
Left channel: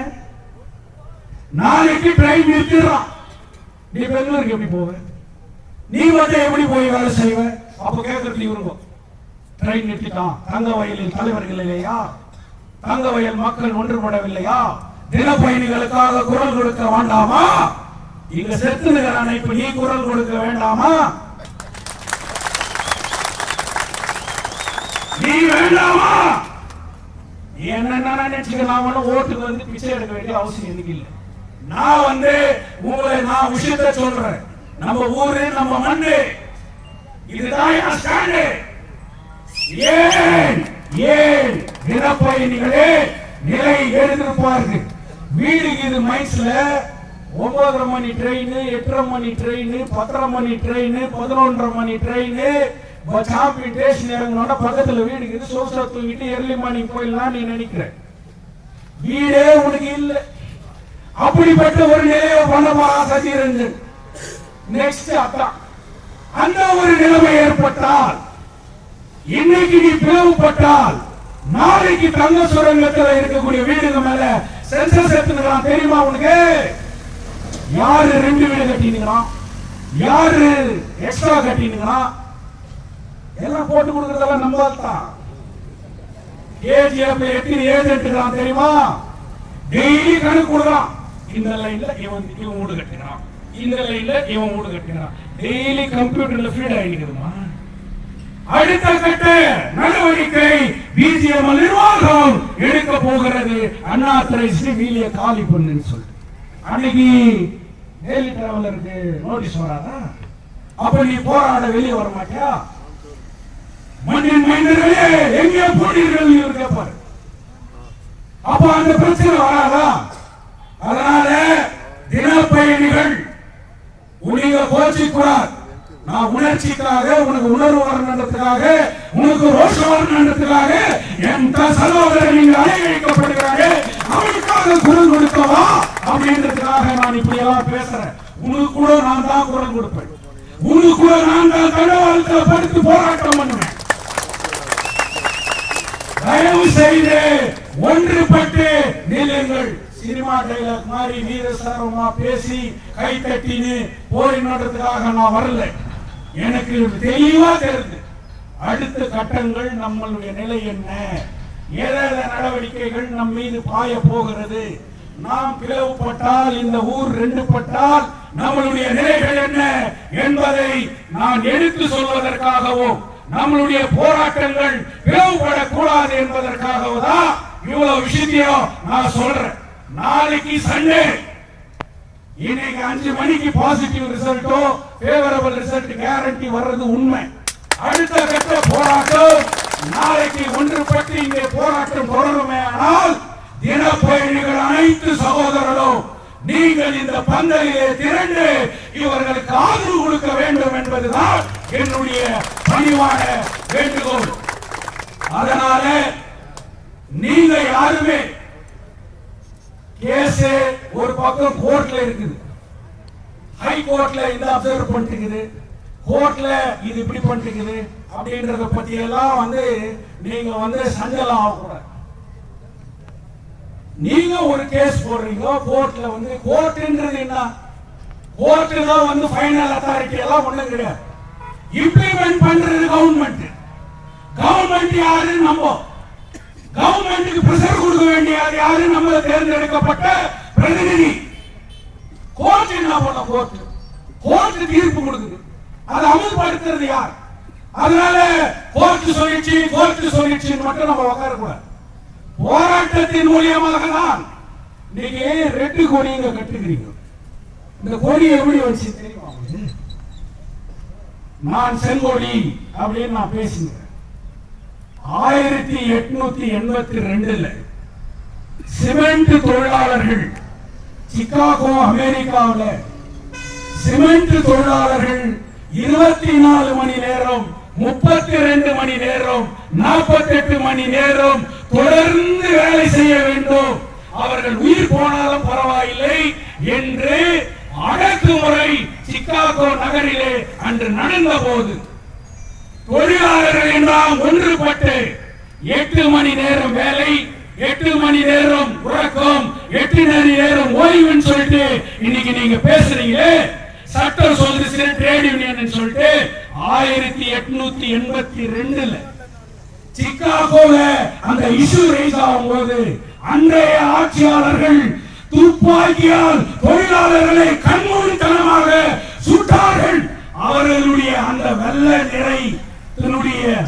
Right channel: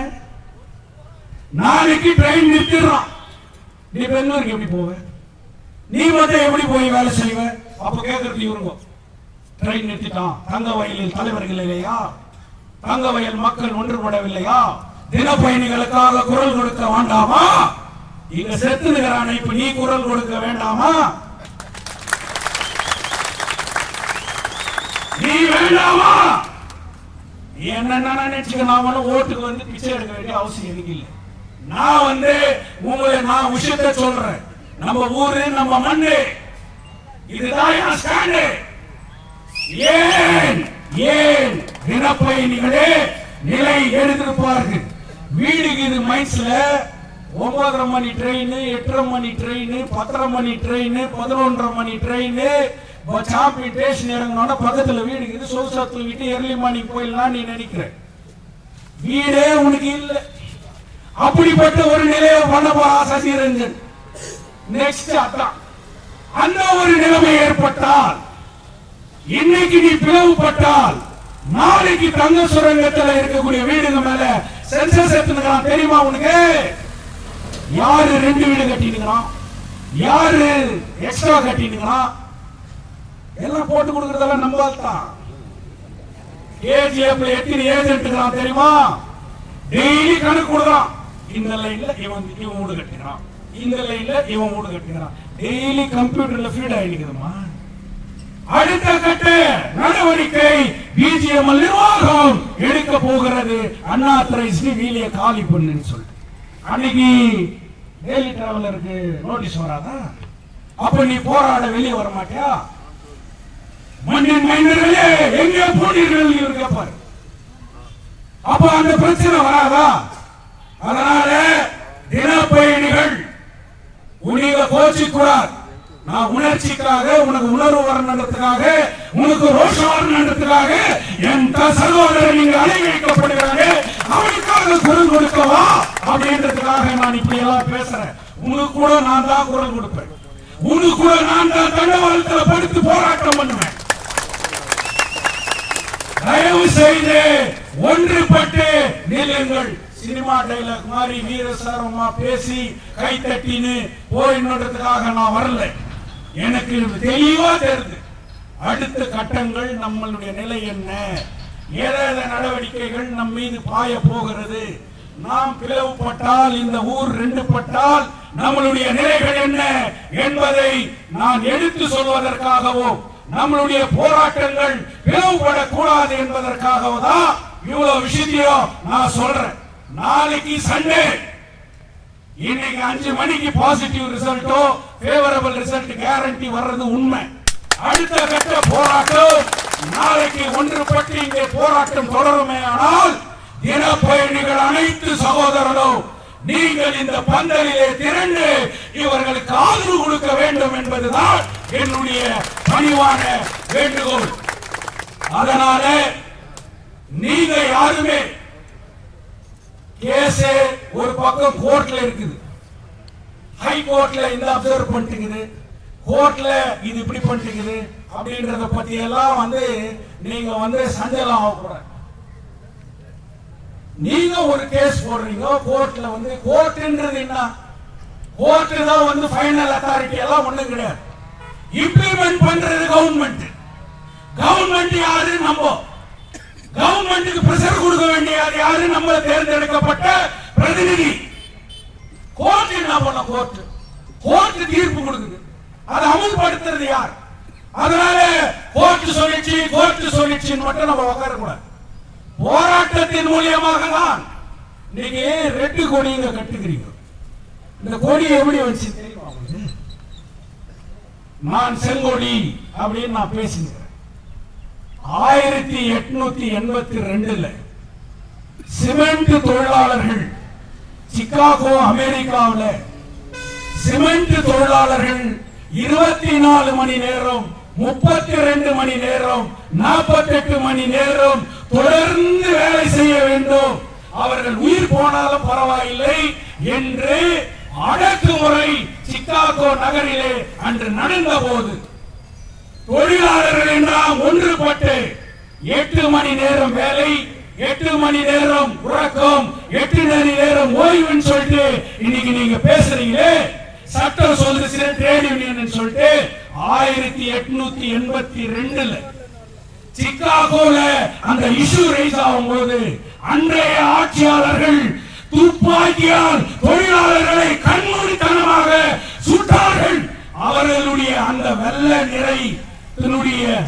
நாளைக்கு ட்ரெயின் நிறுத்திடுறான். நீ பெங்களூருக்கு எப்படி போவ? நீ மட்டும் எப்படி போய் வேலை செய்வ? அப்ப கேட்கறது இவங்க ட்ரெயின் நிறுத்திட்டான். தங்க வயலில் தலைவர்கள் இல்லையா? தங்க வயல் மக்கள் ஒன்றுபடவில்லையா? தின பயணிகளுக்காக குரல் கொடுக்க வேண்டாமா? இங்க செத்துகிறான், இப்ப நீ குரல் கொடுக்க வேண்டாமா? நீ வேண்டாமா? நீ என்ன நினைச்சுக்கலாம்? ஓட்டுக்கு வந்து பிச்சை எடுக்க வேண்டிய அவசியம் எனக்கு இல்லை. நான் வந்து உங்களை நான் விஷயத்தை சொல்றேன். நம்ம ஊரு, நம்ம மண்ணு, இதுதான் என் ஸ்டாண்டு. ஏன் ஏன் தினப்பயணிகளே நிலை எழுதிருப்பார்கள். வீடுக்கு இது மைன்ஸ்ல 9:30 மணி ட்ரெயின், 8:30 மணி ட்ரெயின், 10:30 மணி ட்ரெயின், 11:30 மணி ட்ரெயின். சாப்பி ஸ்டேஷன் இறங்கினோட பக்கத்துல வீடு இருக்குது. சோசா தூங்கிட்டு எர்லி மார்னிங் போயிடலாம் நீ நினைக்கிற. வீடே உனக்கு இல்ல. அப்படிப்பட்ட ஒரு நிலையை பண்ண சசிரஞ்சன். நெக்ஸ்ட் அதான் அந்த ஒரு நிலைமை ஏற்பட்டால், இன்னைக்கு நீ பிளவுபட்டால், நாளைக்கு தங்க சுரங்கத்தில் இருக்கக்கூடிய வீடுகள் மேல சென்சஸ் எடுத்துக்கலாம். தெரியுமா உனக்கு? யாரு 2 வீடு கட்டினுங்களா, யாரு எக்ஸ்ட்ரா கட்டினுங்களா, எல்லாம் போட்டு கொடுக்கறதெல்லாம் நம்ம தான். கேஜிஎஃப்ல எத்தனை ஏஜென்ட் தெரியுமா? டெய்லி கணக்கு கொடுக்கலாம். இந்த லைன்ல இவன் வீடு கட்டினான், இந்த லைன்ல இவன் வீடு கட்டினான். டெய்லி கம்ப்யூட்டர்ல ஃபீட் ஆகிடுமா? அடுத்த கட்ட நடவடிக்கை பிஜிஎம் நிர்வாகம் எடுக்க போகிறது. அன்ஆத்தரைஸ்டு வீலிய காலி பண்ணுன்னு சொல்லி அன்னைக்கு டெய்லி டிராவலருக்கு நோட்டீஸ் வராதா? அப்ப நீ போராட வெளியே வர மாட்டியா? மண்ணின் மைனர்களே எங்கே போட்டீர்கள் கேட்பாரு. அப்ப அந்த பிரச்சனை வராதா? அதனால தினப்பயணிகள் உனக்கு கோச்சி கூடாது. நான் உணர்ச்சிக்காக, உனக்கு உணர்வு வரணுன்றதுக்காக, உனக்கு ரோஷம் வரணுன்றதுக்காக என் சகோதரர் நீங்க அலைக்கழிக்கப்படுகிறாங்க, அவனுக்காக குரல் கொடுக்கவா அப்படின்றதுக்காக நான் இப்படி எல்லாம் பேசுறேன். உனக்கு கூட நான் தான் குரல் கொடுப்பேன். உனக்கு கூட நான் தான் தண்டவாளத்தில் படுத்து போராட்டம் பண்ணுவேன். தயவு செய்து ஒன்றுபட்டு நிலுங்கள். சினிமா டைலாக் மாதிரி வீரசரமா பேசி கை தட்டின்னு போயின்றதுக்காக நான் வரல. எனக்கு தெளிவா தெரியுது அடுத்த கட்டங்கள் நம்மளுடைய நிலை என்ன, ஏதாவது நடவடிக்கைகள் நம் மீது பாய போகிறது. நாம் பிளவுபட்டால், இந்த ஊர் 2 பட்டால் நம்மளுடைய நிலைகள் என்ன என்பதை நான் எடுத்து சொல்வதற்காகவும், நம்மளுடைய போராட்டங்கள் பிளவுபடக்கூடாது என்பதற்காகவும் தான் இவ்வளவு விஷயத்தையும் நான் சொல்றேன். நாளைக்கு சண்டே, இன்னைக்கு 5 மணிக்கு பாசிட்டிவ் ரிசல்ட்டோ ஃபேவரபிள் ரிசல்ட் கேரண்டி வர்றது உண்மை. அடுத்த கட்ட போராட்டம் நாளைக்கு ஒன்றுபட்டு இங்கே போராட்டம் தொடருமே. ஆனால் தினப்பயணிகள் அனைத்து சகோதரர்களும் நீங்கள் இந்த பந்தலிலே திரண்டு இவர்களுக்கு ஆதரவு கொடுக்க வேண்டும் என்பதுதான் என்னுடைய பணிவான வேண்டுகோள். அதனால நீங்க யாருமே கேஸ் ஒரு பக்கம் கோர்ட்ல இருக்குது, ஹை கோர்ட்ல இந்த அப்சர்வ் பண்ணிட்டு, கோர்ட்ல இது இப்படி பண்ணிட்டு அப்படின்றத பத்தி எல்லாம் வந்து நீங்க வந்து சஞ்சலம் ஆகக்கூடாது. நீங்க ஒரு கேஸ் போடுறீங்க கோர்ட்ல, வந்து கோர்ட்ன்றது என்ன? கோர்ட் தான் வந்து ஃபைனல் அத்தாரிட்டி எல்லாம் ஒண்ணும் கிடையாது. இம்ப்ளிமெண்ட் பண்றது கவர்மெண்ட். கவர்மெண்ட் யாரு? நம்ம கவர்மெண்ட்டுக்கு பிரஷர் கொடுக்க வேண்டியது யாரு? நம்ம தேர்ந்தெடுக்கப்பட்ட பிரதிநிதி. கோர்ட் என்ன பண்ண? கோர்ட் தீர்ப்பு கொடுக்குது, அதை அமல்படுத்துறது யார்? அதனால கோர்ட் சொல்லிச்சு மட்டும் நம்ம உட்காரக்கூடாது. போராட்டத்தின் மூலியமாக தான் நீங்க 2 கொடியை கட்டுகிறீங்க. இந்த கொடி எப்படி வச்சு தெரியுமா? நான் செங்கொடி அப்படின்னு நான் பேசுகிறேன். 1882 சிமெண்ட் தொழிலாளர்கள் சிகாகோ அமெரிக்காவில் சிமெண்ட் தொழிலாளர்கள் 24 மணி நேரம், 32 மணி நேரம், 48 மணி நேரம் தொடர்ந்து வேலை செய்ய வேண்டும். அவர்கள் உயிர் போனாலும் பரவாயில்லை என்று அடக்குமுறை சிகாகோ நகரிலே அன்று நடந்த போது தொழிலாளர்கள் எல்லாம் ஒன்றுபட்டு 8 மணி நேரம் வேலை, 8 மணி நேரம் உறக்கம், 8 மணி நேரம் ஓய்வுன்னு சொல்லிட்டு இன்னைக்கு நீங்க பேசுறீங்களே. சட்டம் சொல்லுச்சு ட்ரேட் யூனியன் சொல்லிட்டு 1882 சிக்காகோல அந்த இஷ்யூ ரைஸ் ஆகும் போது அன்றைய ஆட்சியாளர்கள் துப்பாக்கியால் தொழிலாளர்களை கண்மூடித்தனமாக சுட்டார்கள். அவர்களுடைய அந்த வெள்ளை நிறை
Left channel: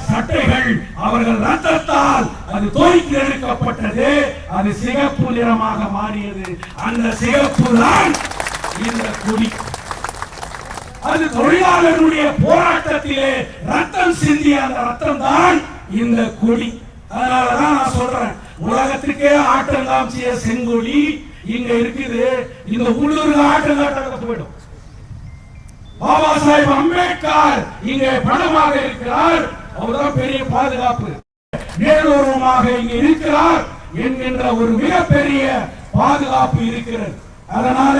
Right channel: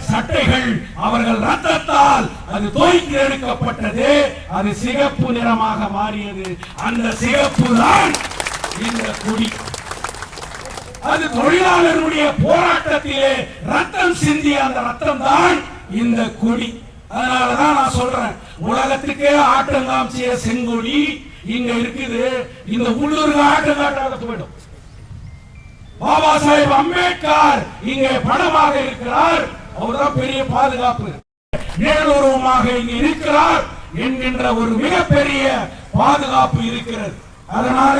சட்டைகள் அவர்கள் ரத்தத்தால் அது தோய்த்து எடுக்கப்பட்டது. அது சிகப்பு நிறமாக மாறியது. அந்த சிகப்பு தான் இந்த கொடி. அது தொழிலாளர்களுடைய போராட்டத்திலே ரத்தம் சிந்திய அந்த ரத்தம் தான் இந்த கொடி. அதனாலதான் நான் சொல்றேன், உலகத்துக்கே ஆட்டம் காமிச்சிய செங்கொடி இங்க இருக்குது. இந்த உள்ளூர் ஆட்டம் காட்டாத போயிடும். பாபா சாஹேப் அம்பேத்கர் இங்கே பணமாக இருக்கிறார். அவர்தான் பெரிய பாதுகாப்பு. நேரூரமாக இங்க இருக்கிறார் என்கின்ற ஒரு மிகப்பெரிய பாதுகாப்பு இருக்கிறது. அதனால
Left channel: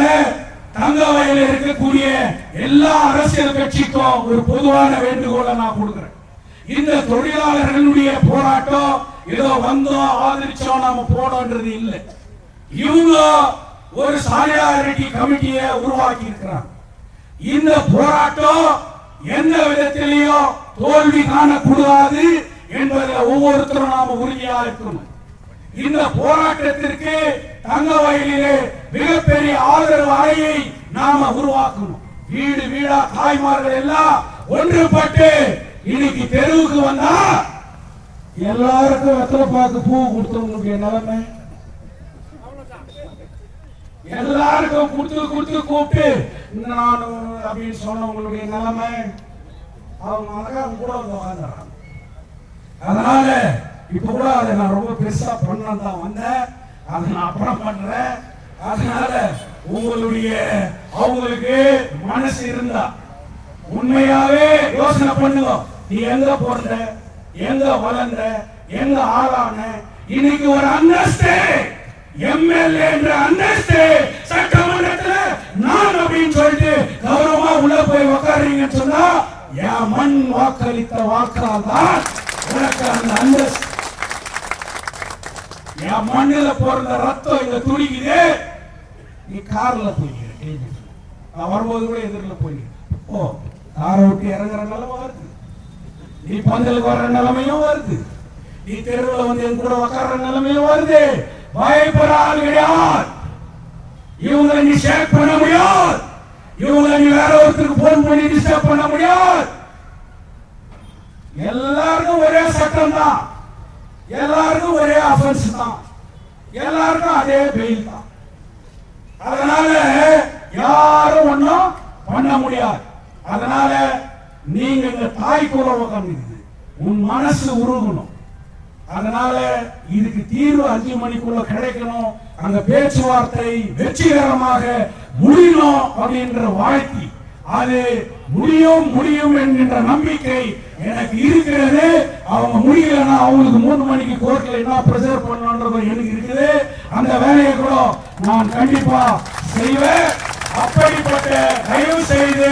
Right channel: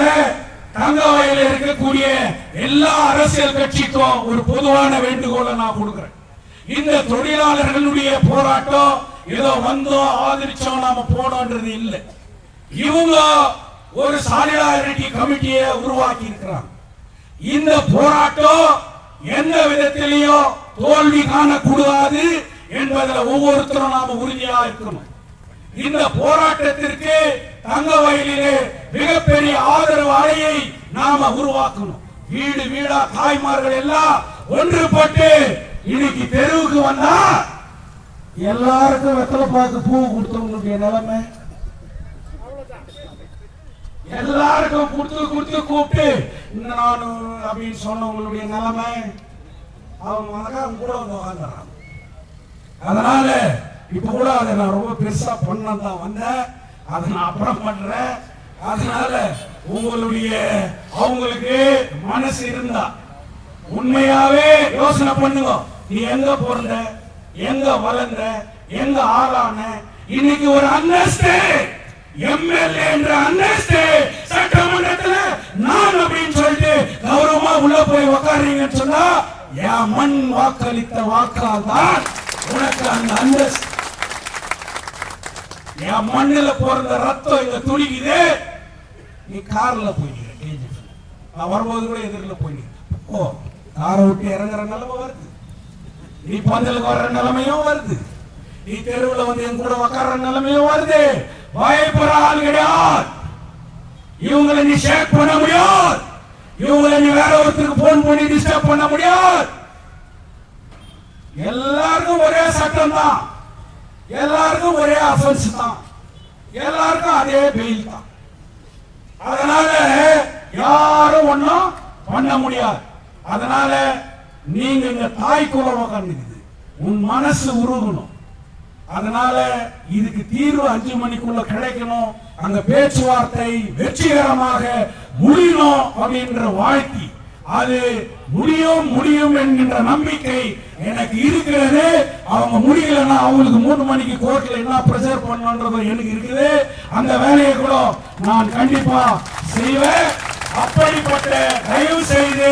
தங்கவயலில் இருக்கக்கூடிய எல்லா அரசியல் கட்சிக்கும் ஒரு பொதுவான வேண்டுகோளை நான் கொடுக்கிறேன். இந்த தொழிலாளர்களுடைய போராட்டம் ஏதோ வந்தோம் ஆதரிச்சோம் நாம போனோன்றது இல்லை. இவங்க ஒரு சாலிடாரிட்டி கமிட்டியை உருவாக்கி இருக்கிறாங்க. இந்த போராட்டம் எந்த விதத்திலேயோ தோல்வி காணக்கூடாது என்பதில் ஒவ்வொருத்தரும் நாம உறுதியாக இருக்கணும். இந்த போராட்டத்திற்கு தங்கவயலிலே மிகப்பெரிய ஆதரவு அலையை நாம உருவாக்கணும். வீடு வீடா தாய்மார்கள் எல்லாம் ஒன்றுபட்டு இன்னைக்கு தெருவுக்கு வந்தா எல்லாருக்கும் வெத்தலை பாக்கு பூ கொடுத்தவங்களுக்கு நிலைமை, எல்லாருக்கும் கொடுத்து கூப்பிட்டு நானும் அப்படின்னு சொன்னவங்களுடைய நிலைமை, அவங்க மகன் கூட வந்து வாழ்ந்துறாங்க. அதனால இப்ப கூட அதை நான் ரொம்ப பெருசா பண்ணதான் தான் வந்தேன். அதை நான் அப்புறம் பண்றேன். அதனால அவங்களுக்கு மனசு இருந்தா உண்மையாவே யோசனை பண்ணுங்க. நீ எங்க பிறந்த, எங்க வளர்ந்த, எங்க ஆளான, இன்னைக்கு ஒரு அந்தஸ்து எம்எல்ஏ என்ற அந்தஸ்து சட்டமன்றத்துல நான் அப்படின்னு சொல்லிட்டு கௌரவமா உள்ள போய் உட்காருங்கன்னு சொன்னா என் மண் வாக்களித்த வாக்கால் தான் உனக்கு அந்த அந்தஸ்து. என் மண்ணில பிறந்த ரத்தம் இங்க துடிக்குது. நீ கார்ல போய்க்கிறேன், வரும்போது எதிரில் போய்க்கிறேன். ஓ, காரை விட்டு இறங்குற நிலைமை வருது. நீ பந்தலுக்கு வர்ற நிலைமையும் வருது. நீ தெருவில் வந்து என் கூட உட்கார நிலைமையும் வருது. பயப்படாது. இவங்களை நீ ஷேக் பண்ண முடியாது. இவங்களை நீ வேற ஒருத்தருக்கு போன் பண்ணி டிஸ்டர்ப் பண்ண முடியாது. எல்லாருக்கும் ஒரே சட்டம் தான், எல்லாருக்கும் ஒரே அஃபென்ஸ் தான், எல்லாருக்கும் அதே பெயில் தான். அதனால யாரும் ஒன்னும் பண்ண முடியாது. அதனால நீங்க இந்த தாய் கூட உட்கார்ந்து உன் மனசு உருகணும். அதனால இதுக்கு தீர்வு 5 மணிக்குள்ள கிடைக்கணும். அந்த பேச்சுவார்த்தை வெற்றிகரமாக முடியணும் அப்படின்ற வாழ்க்கை, அது முடியும் என்கின்ற நம்பிக்கை எனக்கு இருக்கிறது. அவங்க முடியலன்னா அவங்களுக்கு 3 மணிக்கு கோர்ட்ல என்ன பிரஷர் பண்ணணும்ன்றது எனக்கு இருக்குது. அந்த வேலையை கூட நான் கண்டிப்பா செய்வேன். அப்படிப்பட்ட தயவு செய்து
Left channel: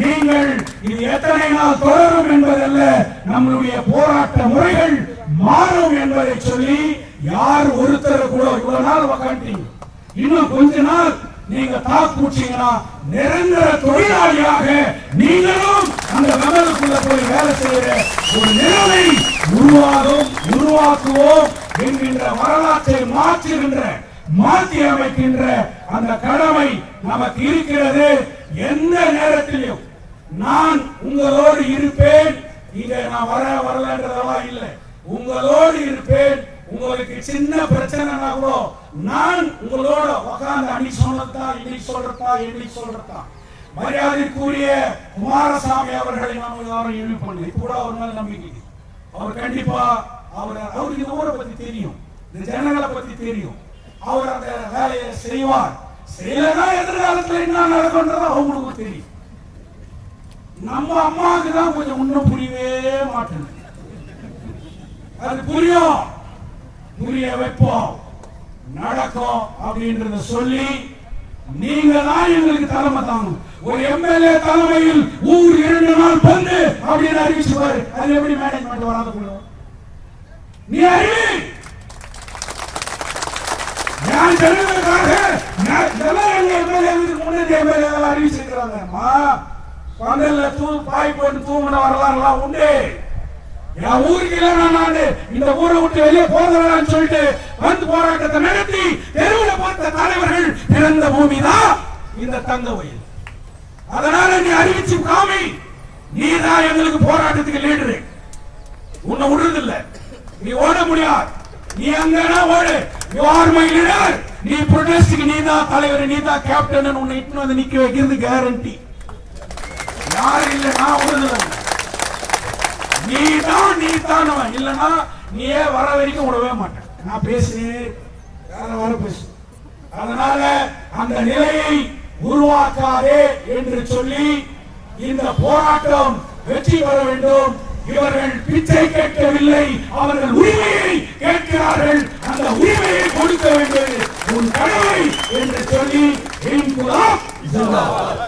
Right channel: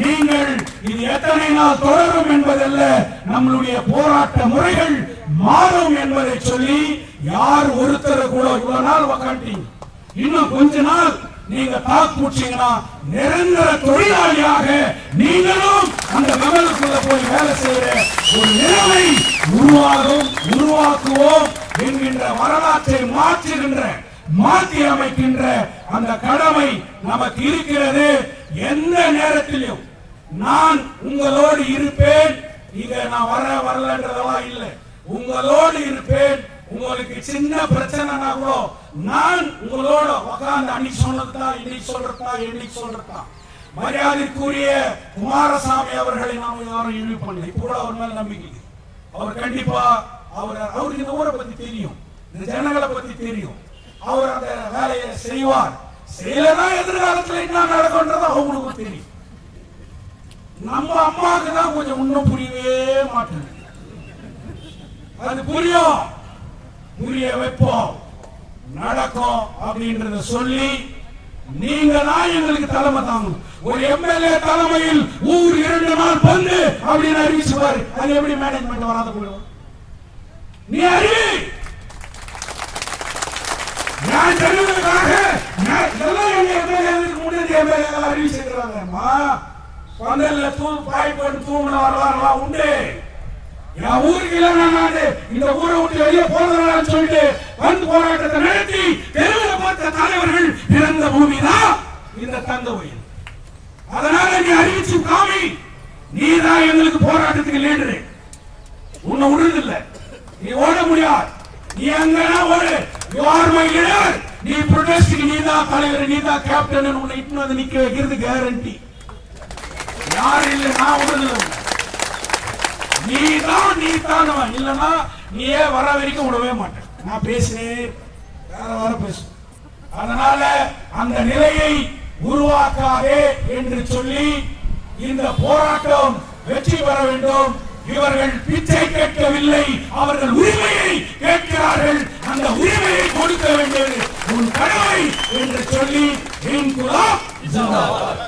நீங்கள் இது எத்தனை நாள் தொடரும் என்பதல்ல, நம்முடைய போராட்ட முறைகள் மாறும் என்பதை சொல்லி யார் ஒருத்தர் கூட இவ்வளவு நாள் உட்காந்துட்டீங்க, இன்னும் கொஞ்ச நாள் நீங்க தாக்குச்சீங்கன்னா நிரந்தர தொழிலாளியாக நீங்களும் அந்த வெள்ளத்துக்குள்ள போய் வேலை செய்யற ஒரு நிலைமை உருவாக்குவோம் என்கின்ற வரலாற்றை மாற்றி அமைக்கின்ற அந்த கடமை நமக்கு இருக்கிறது. எந்த நேரத்திலும் நான் உங்களோடு இருப்பேன். இங்க நான் வரலன்றதா இல்லை, உங்களோடு இருப்பேன். உங்களுக்கு சின்ன பிரச்சனைனா கூட நான் உங்களோட உட்கார்ந்து அன்னைக்கு சொன்னதுதான் இன்னைக்கு சொல்றதா. மரியாதைக்குரிய குமாரசாமி அவர்களை நாம யாரும் இழிவு பண்ணல. இப்ப கூட அவர் மேல நம்பிக்கை. அவர் கண்டிப்பா அவருக்கு இந்த ஊரை பத்தி தெரியும், இந்த ஜனங்களை பத்தி தெரியும். அவர் அந்த வேலையை செய்வார். செய்யலன்னா எதிர்காலத்தில் என்ன நடக்கும்ன்றது அவங்களுக்கு தெரியும். நம்ம அம்மாவுக்கு தான் கொஞ்சம் இன்னும் புரியவே மாட்டேங்குது. அது புரிய வைப்போம், நடக்கும் அப்படின்றத சொல்லி நீங்க தான் எங்களுக்கு தலைமை தாங்க. ஒரு எம்எல்ஏ தலைமையில் ஊர் 2 நாள் பந்து அப்படின்னு அறிவிச்சுவாரு. அது எப்படி மேனேஜ்மெண்ட் வராது? நீ அறிவி. நான் தெரிவதற்காக இதெல்லாம் எம்எல்ஏவுக்கு முன்னாடி எம்எல்ஏ அறிவிச்சிருக்கிறாங்க. பந்தல்ல பாய் போட்டு தூங்கின வரலாறுலாம் உண்டு. என் ஊருக்கு இந்த ஊரை விட்டு வெளியே போகிறேன்னு சொல்லிட்டு வந்து போராட்டத்தை நடத்தி தெருவில் பார்த்த தலைவர்கள் பிறந்த பூமி தான் இந்த தங்க வயல். அதனால நீ அறிவிச்சு காமி, நீ தான் எங்களுக்கு போராட்டத்துக்கு லீடரு. உன்னை விடுறதில்லை, நீ ஓட முடியாது. நீ அங்கன்னா ஓடு. You are my leader. நீ ப்ரொடெஸ்டுக்கு நீ தான் தலைவர், நீ தான் கேப்டன். உன்னை இட்டு வந்து நிக்க வைக்கிறது கேரண்டி. யாரும் இல்லை, நான் விடுறதில்லை. நீ தான் இல்லனா நீயே வர வரைக்கும் விடவே மாட்டேன். நான் பேசினேன், வேற பேசு. அதனால அந்த நிலையை உருவாக்காதே என்று சொல்லி இந்த போராட்டம் வெற்றி பெற வேண்டும். இவர்கள் பிச்சை கேட்கவில்லை, அவர்கள் உரிமையை கேட்கிறார்கள். அந்த உரிமையை கொடுக்க வேண்டியது உன் கடமை என்று சொல்லி இன்குலாப் ஜிந்தாபாத்.